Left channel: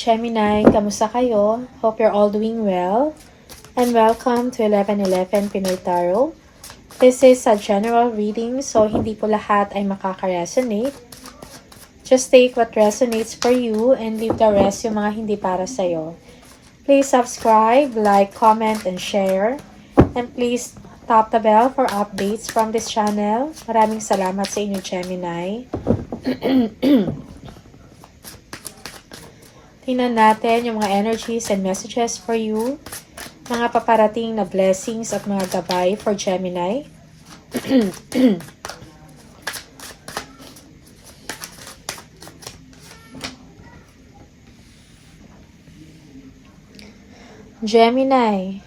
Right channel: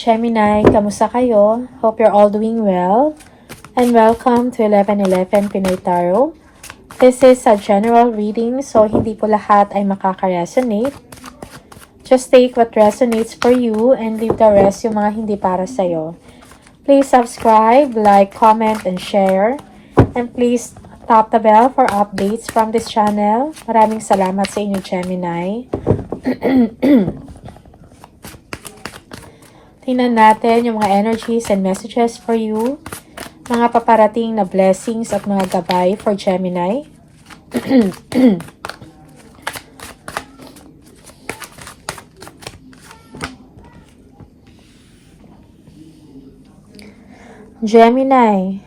Gemini! Kamusta kayo? Hope you're all doing well. And welcome to 1111 Pinoy Tarot. This is a general reading, so hindi po lahat ay makaka-resonate. Just take what resonates for you and leave the rest yung mga hindi para sa'yo. Please subscribe, like, comment, and share. And please tap the bell for updates from this channel. Maraming salamat sa inyo, Gemini. Tingnan natin yung mga energies and messages for you. Mga paparating na blessings at mga gabay for Gemini. Gemini.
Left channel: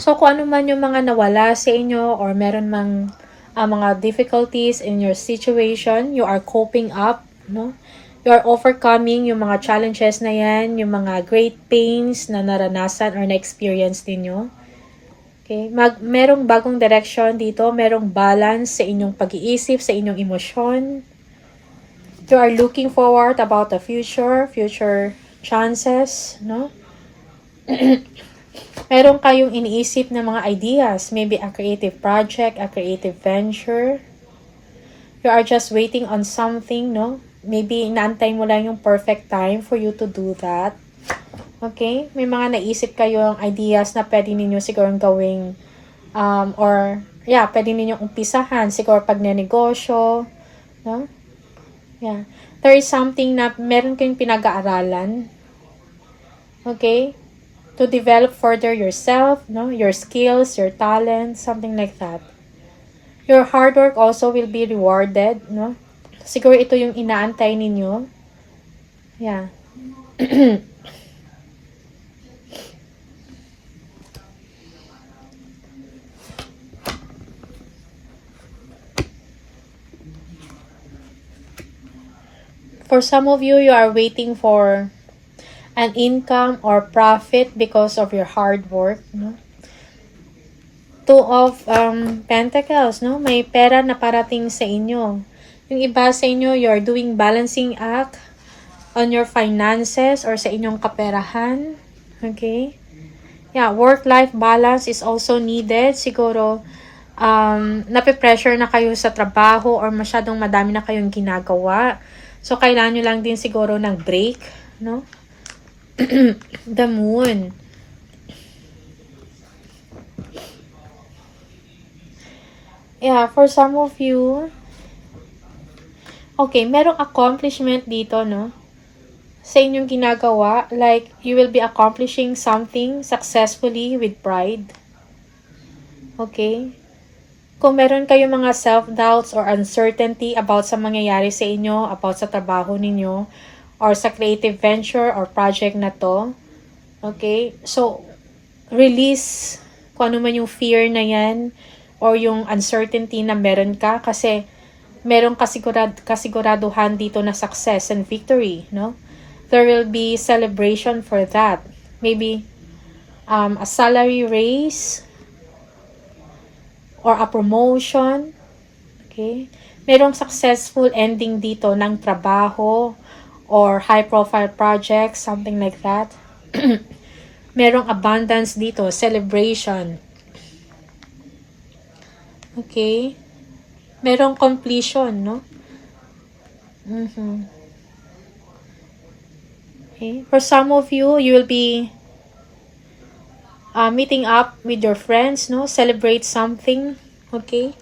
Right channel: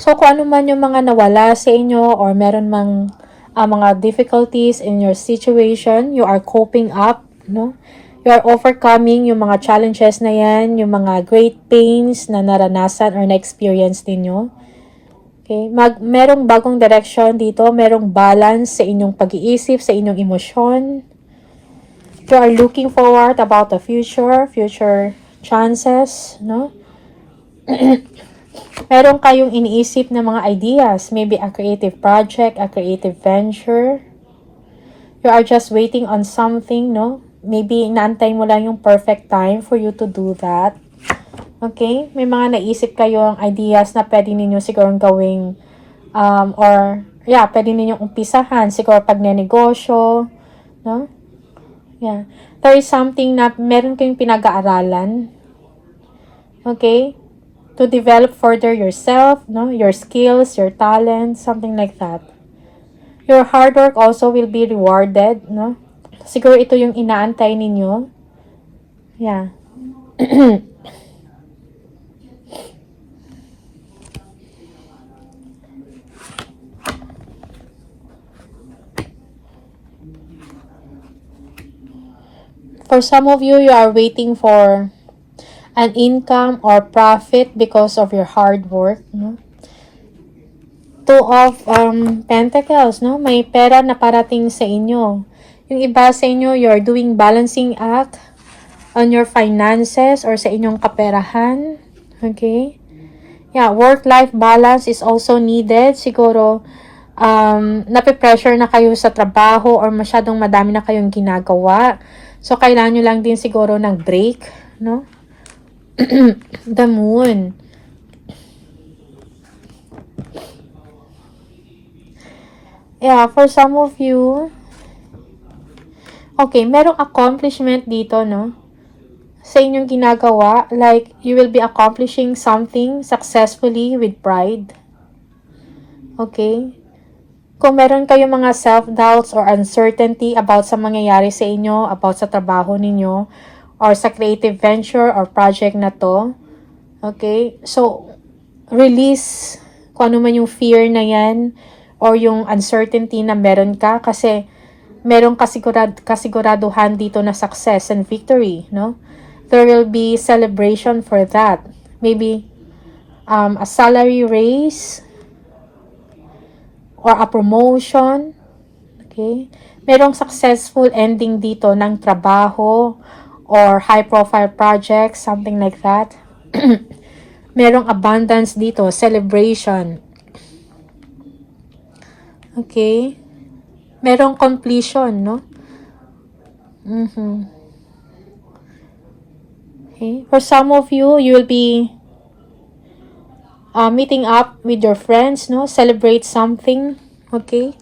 So, kung ano man yung mga nawala sa inyo or meron mang mga difficulties in your situation, you are coping up, no? You are overcoming yung mga challenges na yan, yung mga great pains na naranasan or na-experience ninyo. Okay? Merong bagong direction dito, merong balance sa inyong pag-iisip, sa inyong emosyon. You are looking forward about the future chances, no? Meron kayong iniisip na mga ideas, maybe a creative project, a creative venture. You are just waiting on something, no? Maybe inaantay mo lang yung perfect time for you to do that. Okay? May mga naisip kayong ideas na pwede ninyo siguro gawing pwede ninyong umpisahan siguro pag negosyo, no? Yeah. There is something na meron kayong pinag-aaralan. Okay? To develop further yourself, no? Your skills, your talents, something like that. Your hard work also will be rewarded, no? Siguro ito yung inaantay ninyo. Yeah. For some of you, you are waiting for an income or profit because of your hard work, no? Two of Pentacles, no? May pera na parating sa inyo. Yung iba sa inyo, you're doing balancing act on your finances or sa inyong kaperahan. Okay? Yeah, work-life balance is also needed. Siguro, nape-pressure na kayo sa trabaho or masyadong madami na kayong ginagawa. So, kailangan nyo lang din siguro ng break, no? The Moon. Yeah, for some of you, okay, merong accomplishment dito, no? Sa inyong ginagawa, like, you will be accomplishing something successfully with pride. Okay? Kung meron kayong mga self-doubts or uncertainty about sa mangyayari sa inyo, about sa trabaho ninyo, or sa creative venture or project na to, okay? So, release kung ano man yung fear na yan, or yung uncertainty na meron ka, kasi merong kasiguraduhan dito na success and victory, no? There will be celebration for that. Maybe a salary raise or a promotion. Okay? Merong successful ending dito ng trabaho or high-profile projects, something like that. Merong abundance dito, celebration. Okay? Merong completion, no? Okay. For some of you, you will be meeting up with your friends, no? Celebrate something, okay?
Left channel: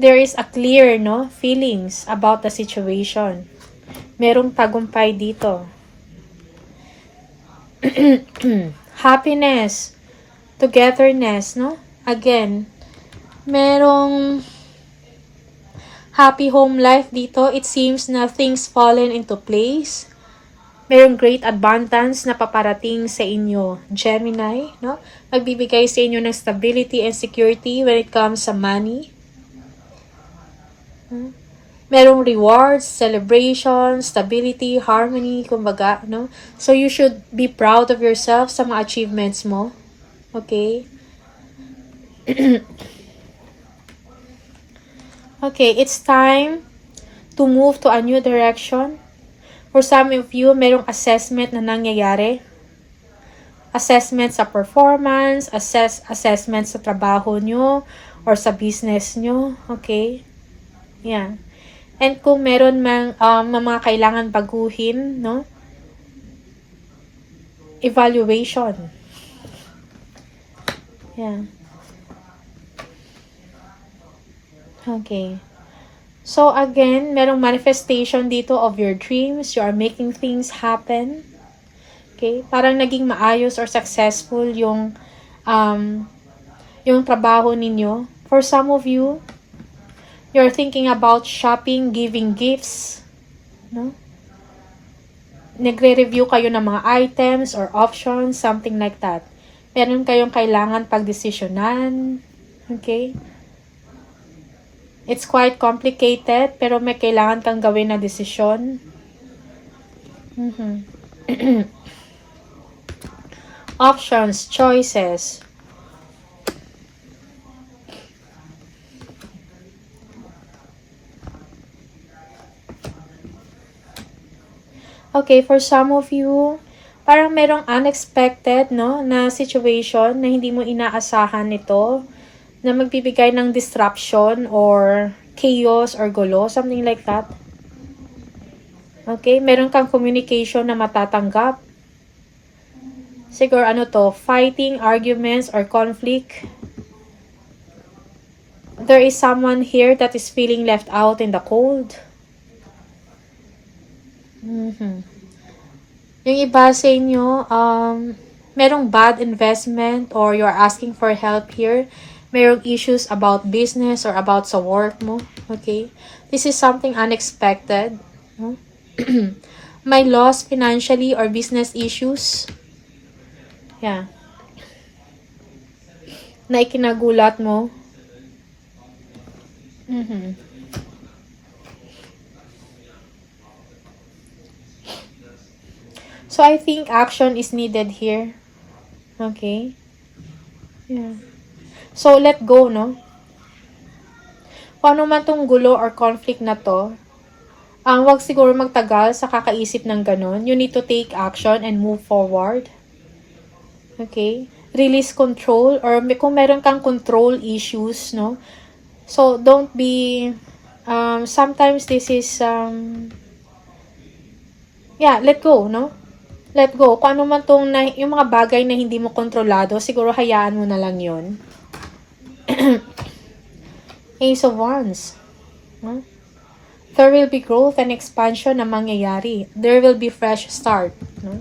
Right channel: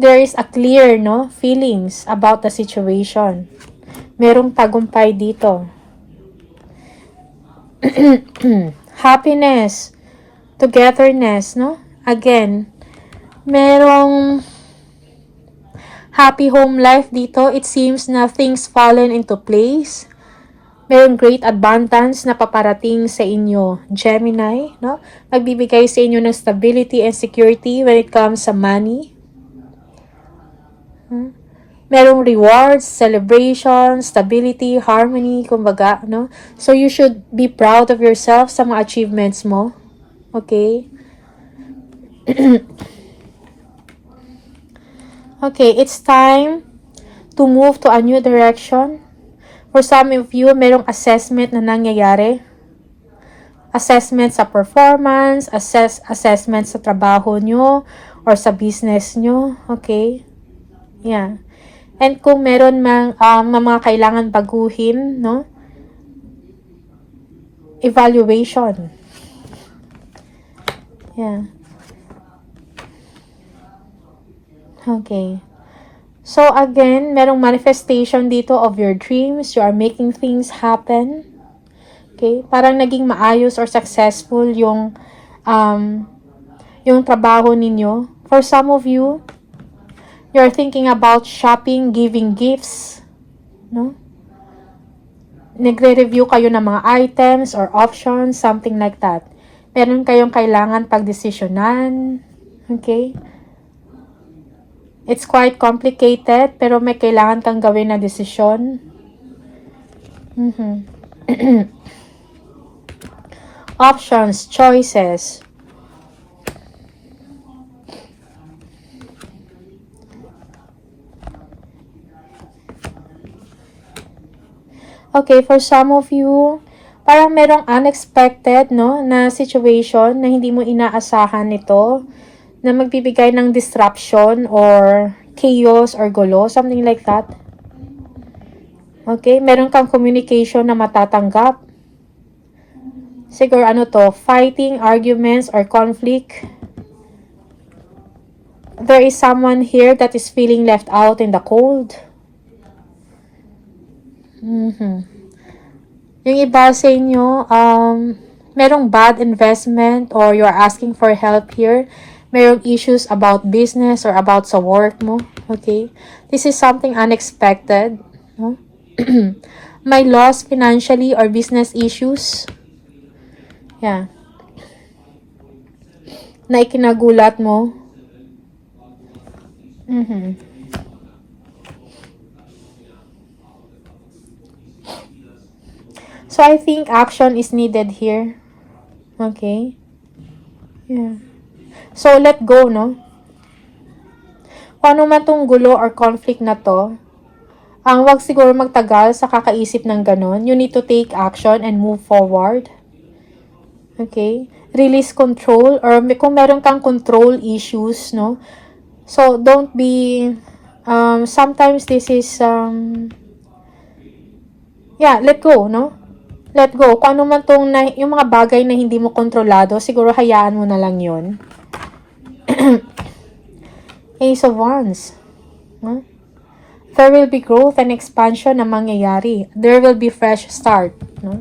There is a clear, no, feelings about the situation. Merong tagumpay dito. Happiness, togetherness, no? Again, merong happy home life dito. It seems na things fallen into place. Merong great abundance na paparating sa inyo, Gemini, no? Magbibigay sa inyo ng stability and security when it comes sa money. Merong rewards, celebration, stability, harmony, kumbaga, no? So, you should be proud of yourself sa mga achievements mo. Okay? Okay, it's time to move to a new direction. For some of you, merong assessment na nangyayari. Assessment sa performance, assessment sa trabaho nyo, or sa business nyo. Okay? Yeah. And kung meron mga kailangan baguhin, no? Evaluation. Yeah. Okay. So again, merong manifestation dito of your dreams. You are making things happen. Okay? Parang naging maayos or successful yung trabaho ninyo. For some of you, you're thinking about shopping, giving gifts, no? Nagre-review kayo ng mga items or options, something like that. Meron kayong kailangan pagdesisyonan. Okay? It's quite complicated, pero may kailangan kang gawin na desisyon. Options, choices. Okay, for some of you, parang merong unexpected, no, na situation na hindi mo inaasahan nito, na magbibigay ng disruption or chaos or gulo, something like that. Okay, meron kang communication na matatanggap. Siguro ano to, fighting, arguments, or conflict. There is someone here that is feeling left out in the cold. Yung iba sa inyo, merong bad investment or you're asking for help here. Merong issues about business or about sa work mo. Okay? This is something unexpected. No? May loss financially or business issues. Yeah. Na ikinagulat mo. So, I think action is needed here. Okay? Yeah. So, let go, no? Kung ano man tong gulo or conflict na to, wag siguro magtagal sa kakaisip ng ganon. You need to take action and move forward. Okay? Release control, or kung meron kang control issues, no? So, don't be, sometimes this is, let go, no? Let go. Kung ano man tong, yung mga bagay na hindi mo kontrolado, siguro hayaan mo na lang yun. Ace of Wands. No? There will be growth and expansion na mangyayari. There will be fresh start. No?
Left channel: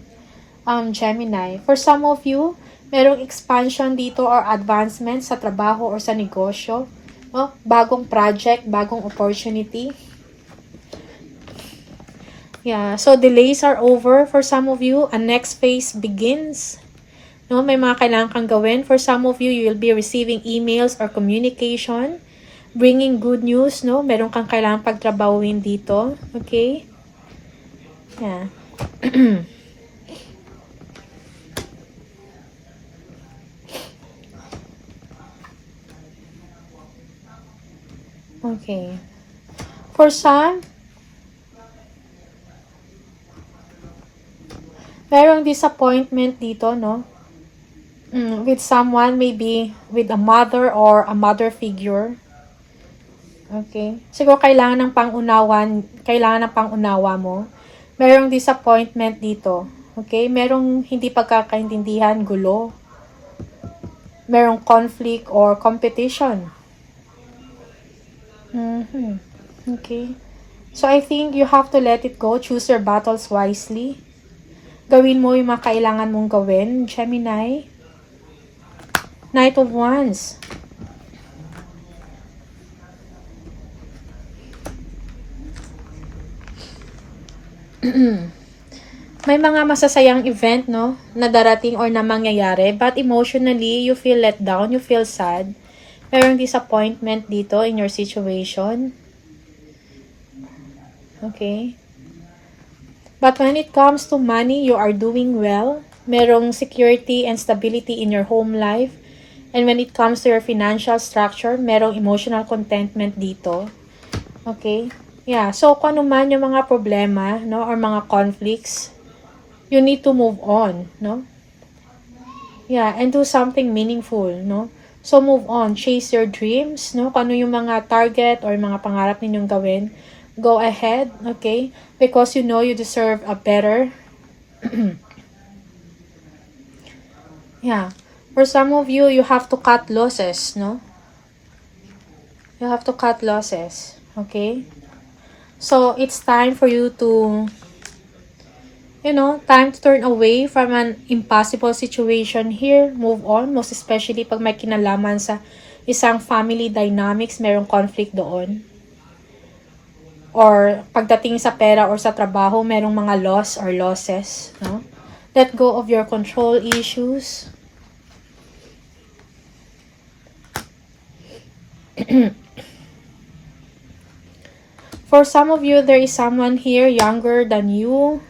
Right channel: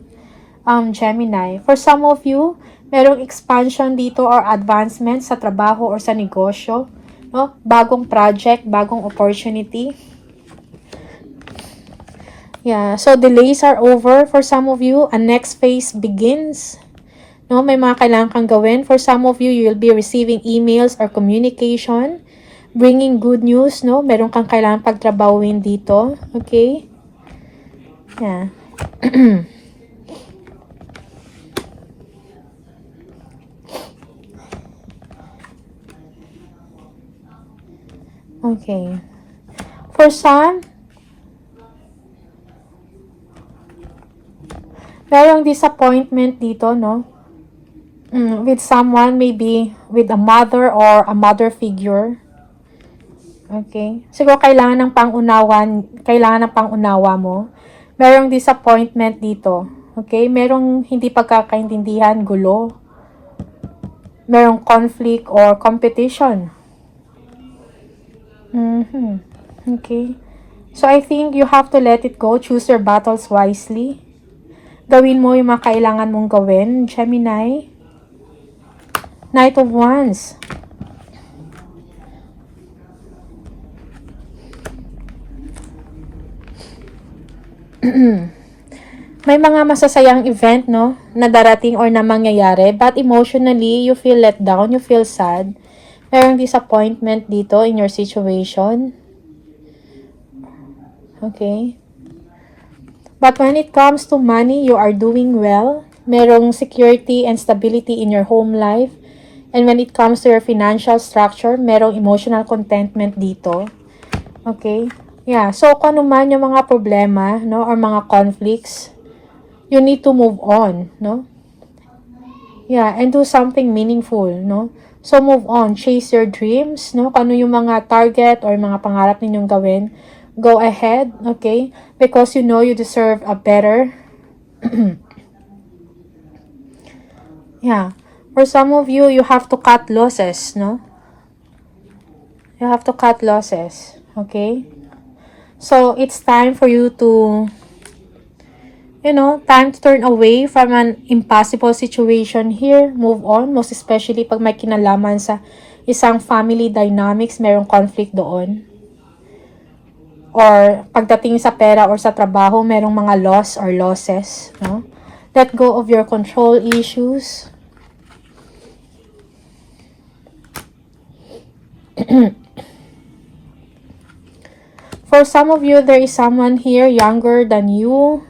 Gemini. For some of you, merong expansion dito or advancement sa trabaho or sa negosyo. No? Bagong project, bagong opportunity. Yeah, so delays are over for some of you. A next phase begins. No, may mga kailangan kang gawin. For some of you, you will be receiving emails or communication. Bringing good news, no? Meron kang kailangan pagtrabawin dito. Okay? Yeah. Okay. For some, merong disappointment dito, no? With someone, maybe with a mother or a mother figure. Okay? Siguro kailangan ng pangunawa mo. Merong disappointment dito. Okay? Merong hindi pagkakaintindihan, gulo. Merong conflict or competition. Okay? So, I think you have to let it go. Choose your battles wisely. Gawin mo yung mga kailangan mong gawin, Gemini. Knight of Wands. May mga masasayang event, no, na darating or na mangyayari, but emotionally, you feel let down, you feel sad. Merong disappointment dito in your situation. Okay? But when it comes to money, you are doing well. Merong security and stability in your home life. And when it comes to your financial structure, merong emotional contentment dito. Okay? Yeah, so kung ano man yung mga problema, no, or mga conflicts, you need to move on, no? Yeah, and do something meaningful, no? So move on, chase your dreams, no? Kung ano yung mga target or mga pangarap ninyong gawin, go ahead, okay? Because you know you deserve a better. Yeah. For some of you, you have to cut losses, no? You have to cut losses, okay? So, it's time for you to, time to turn away from an impossible situation here. Move on, most especially pag may kinalaman sa isang family dynamics, mayroong conflict doon. Or pagdating sa pera or sa trabaho, merong mga loss or losses, no? Let go of your control issues. For some of you, there is someone here younger than you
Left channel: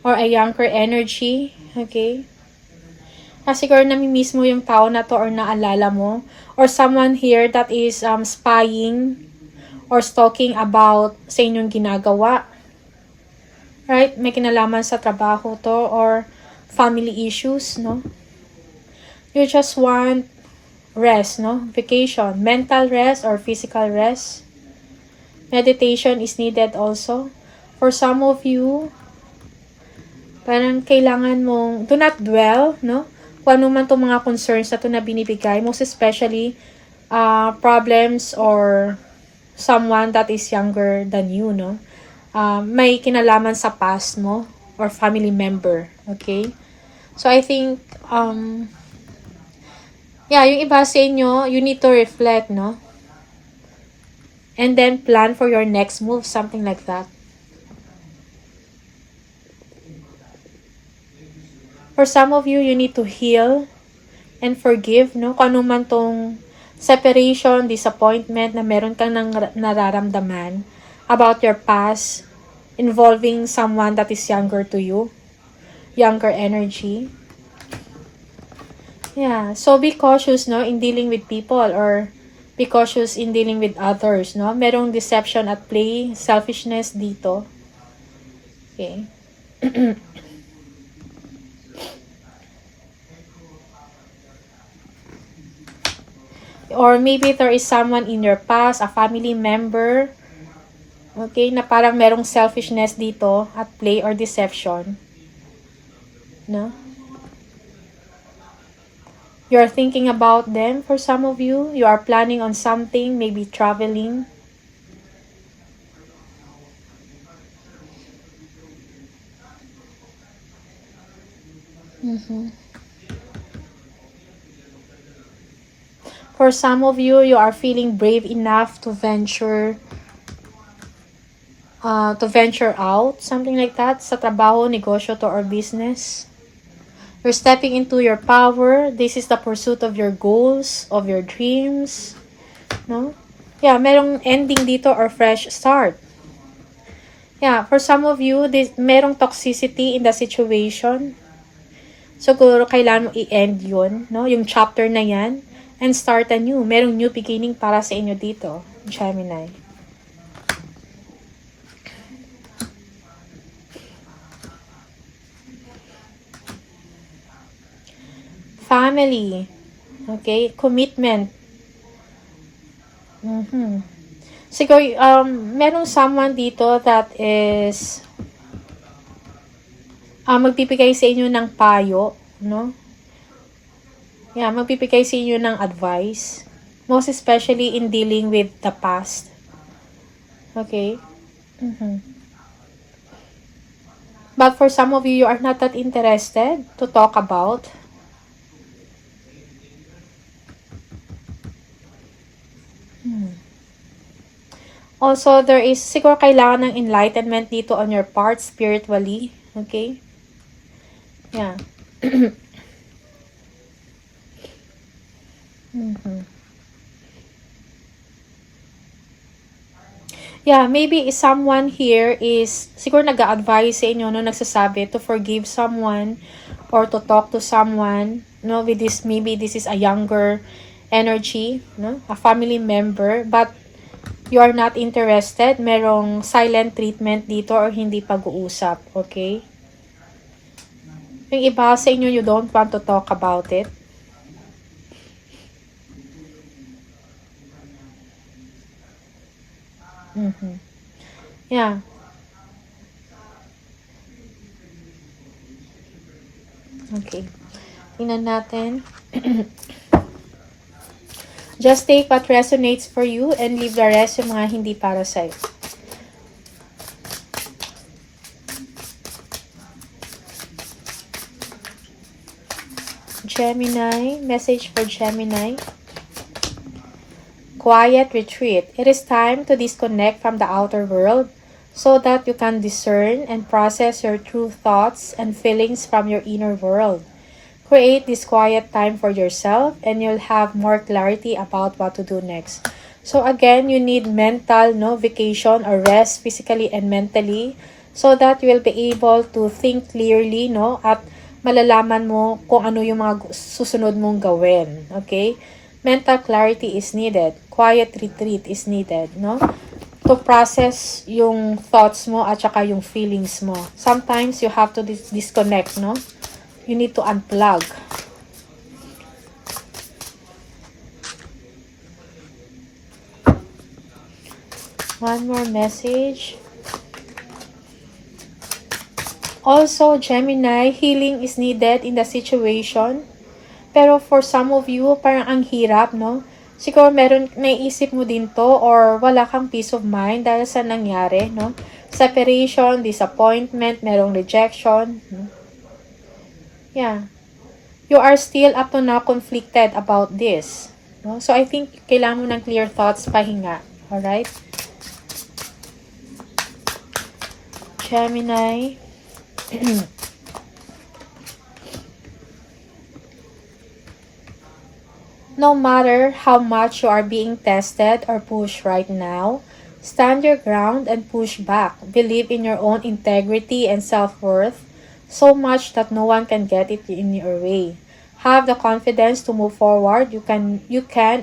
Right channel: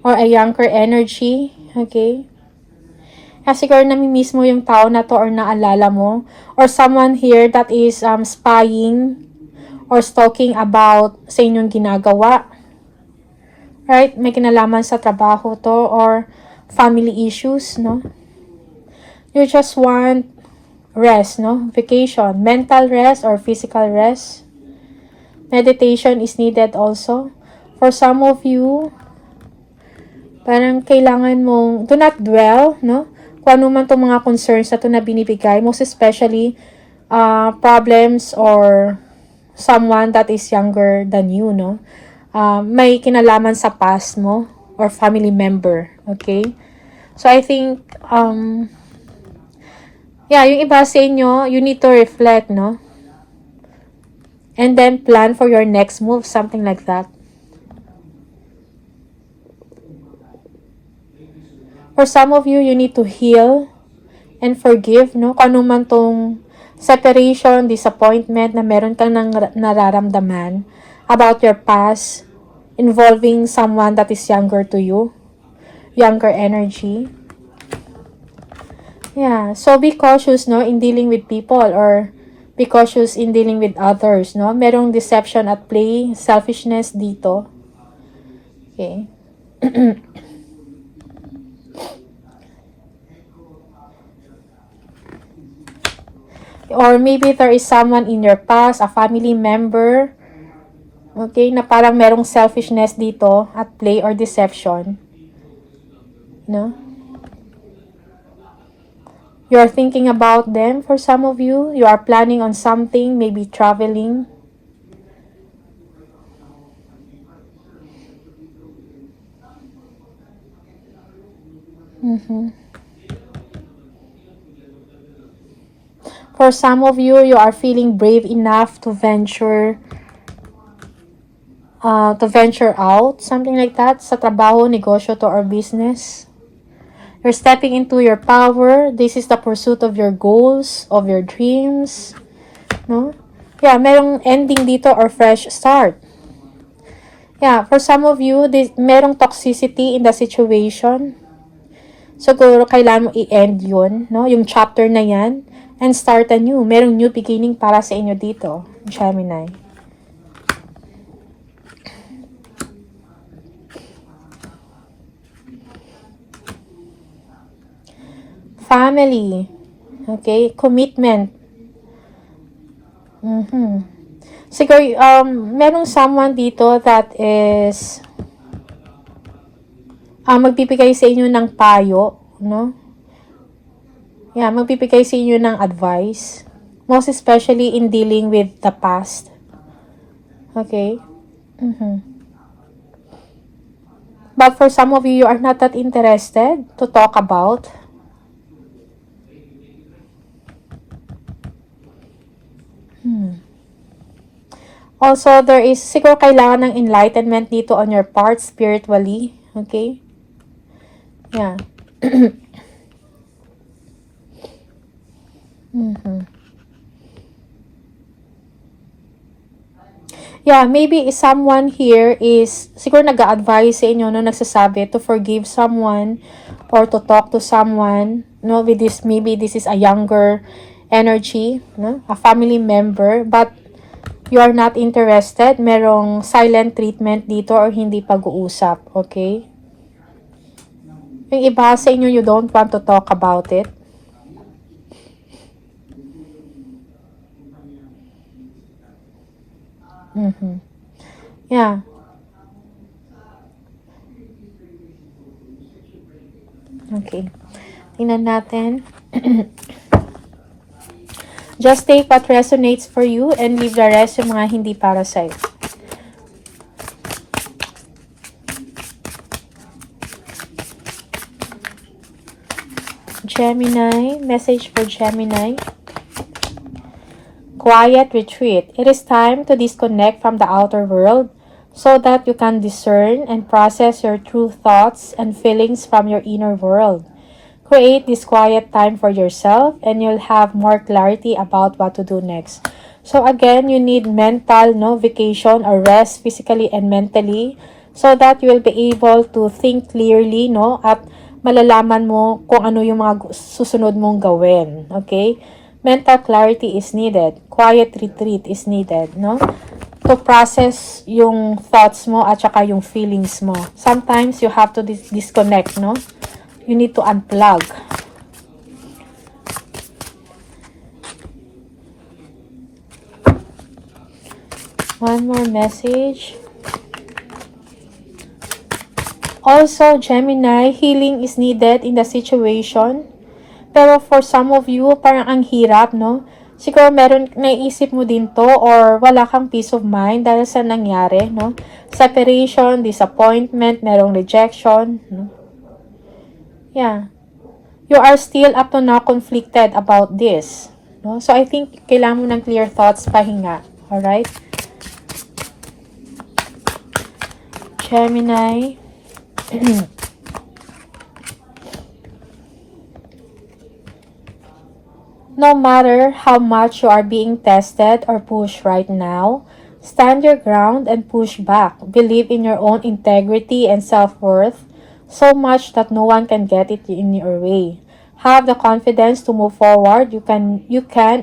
or a younger energy, okay? Kasi siguro namimiss mo yung tao na to or naalala mo, or someone here that is spying or stalking about sa inyong ginagawa. Right? May kinalaman sa trabaho to or family issues, no? You just want rest, no? Vacation, mental rest or physical rest. Meditation is needed also. For some of you, parang kailangan mong, do not dwell, no? Kung ano man itong mga concerns na ito na binibigay, most especially, problems or someone that is younger than you, no? May kinalaman sa past mo or family member, okay? So, I think, yung iba sa inyo, you need to reflect, no? And then plan for your next move, something like that. For some of you, you need to heal and forgive, no? Kung ano man tong separation, disappointment na meron kang nararamdaman about your past involving someone that is younger to you, younger energy. Yeah, so be cautious, no, in dealing with people or be cautious in dealing with others, no? Merong deception at play, selfishness dito. Okay. Or maybe there is someone in your past, a family member, okay, na parang merong selfishness dito at play or deception. No? You are thinking about them for some of you. You are planning on something, maybe traveling. For some of you, you are feeling brave enough to venture out, something like that, sa trabaho, negosyo to or business. You're stepping into your power. This is the pursuit of your goals, of your dreams. No? Yeah, merong ending dito or fresh start. Yeah, for some of you, merong toxicity in the situation. Siguro kailangan mo i-end yun, no? Yung chapter na yan. And start a new. Merong new beginning para sa inyo dito, Gemini. Family. Okay? Commitment. Siguro, merong someone dito that is magbibigay sa inyo ng payo, no? Yeah, magbibigay sa inyo ng advice. Most especially in dealing with the past. Okay? But for some of you, you are not that interested to talk about. Also, there is siguro kailangan ng enlightenment dito on your part spiritually. Okay? Yeah. Yeah, maybe someone here is siguro nag-a-advise sa inyo, no, nagsasabi to forgive someone or to talk to someone, no, with this, maybe this is a younger energy, no, a family member, but you are not interested, merong silent treatment dito or hindi pag-uusap, okay? Yung iba sa inyo, you don't want to talk about it. Yeah. Okay. Tingnan natin. Just take what resonates for you and leave the rest yung mga hindi para sa'yo. Gemini, message for Gemini. Quiet retreat. It is time to disconnect from the outer world so that you can discern and process your true thoughts and feelings from your inner world. Create this quiet time for yourself and you'll have more clarity about what to do next. So again, you need mental vacation or rest physically and mentally so that you will be able to think clearly at malalaman mo kung ano yung mga susunod mong gawin. Okay? Mental clarity is needed. Quiet retreat is needed, to process yung thoughts mo at saka yung feelings mo. Sometimes you have to disconnect, You need to unplug. One more message. Also, Gemini, healing is needed in the situation. Pero for some of you, parang ang hirap, Siguro meron, naisip mo din to or wala kang peace of mind dahil sa nangyari, Separation, disappointment, merong rejection, Yeah. You are still up to now conflicted about this, So I think kailangan mo ng clear thoughts, pahinga. Alright? Gemini. No matter how much you are being tested or pushed right now, stand your ground and push back. Believe in your own integrity and self-worth so much that no one can get it in your way. Have the confidence to move forward. You can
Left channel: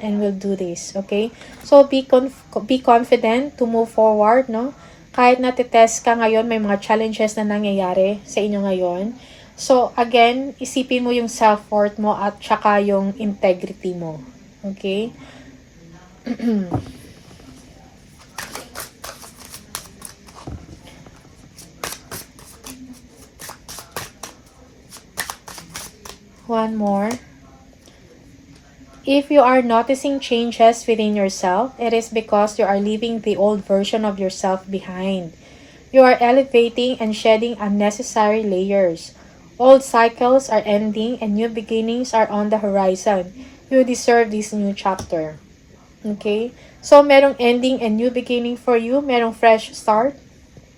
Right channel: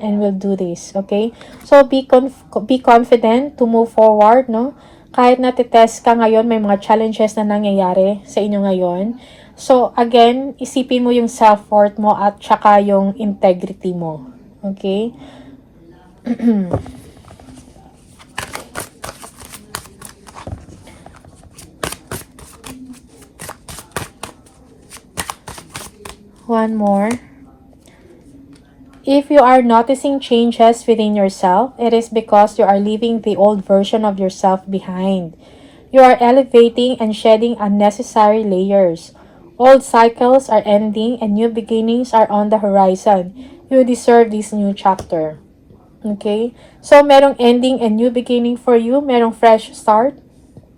and will do this, okay? So be confident to move forward, Kahit natitest ka ngayon, may mga challenges na nangyayari sa inyo ngayon. So, again, isipin mo yung self-worth mo at saka yung integrity mo. Okay? One more. If you are noticing changes within yourself, it is because you are leaving the old version of yourself behind. You are elevating and shedding unnecessary layers. Old cycles are ending and new beginnings are on the horizon. You deserve this new chapter. Okay? So, merong ending and new beginning for you. Merong fresh start.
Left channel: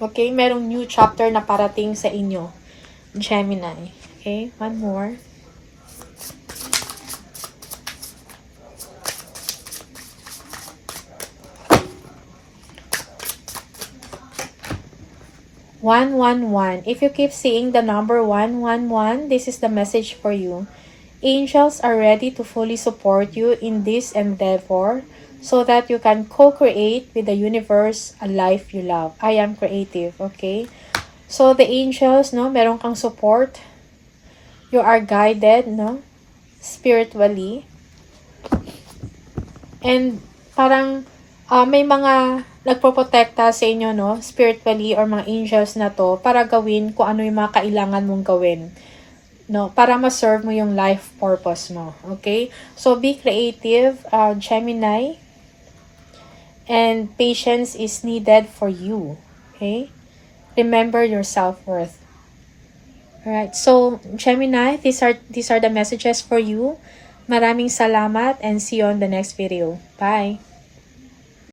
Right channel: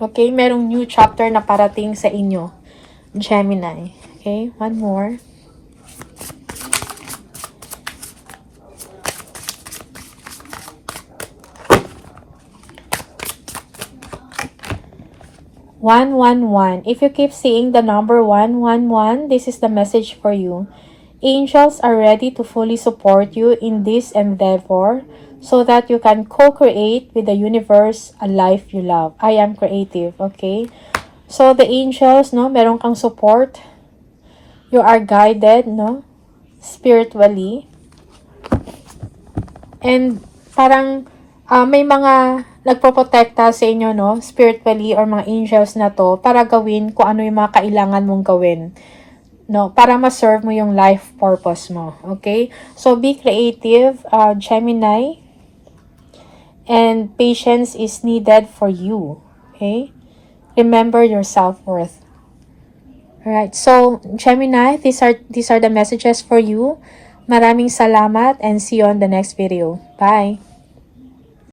Okay? Merong new chapter na parating sa inyo. Gemini. Okay? One more. One, one, one. If you keep seeing the number 111, this is the message for you. Angels are ready to fully support you in this endeavor so that you can co-create with the universe a life you love. I am creative, okay? So, the angels, meron kang support. You are guided, spiritually. And, parang, may mga nagproprotekta sa inyo, spiritually or mga angels na to para gawin kung ano yung mga kailangan mong gawin, para ma-serve mo yung life purpose mo, okay? So, be creative, Gemini, and patience is needed for you, okay? Remember your self-worth. Alright, so, Gemini, these are the messages for you. Maraming salamat and see you on the next video. Bye!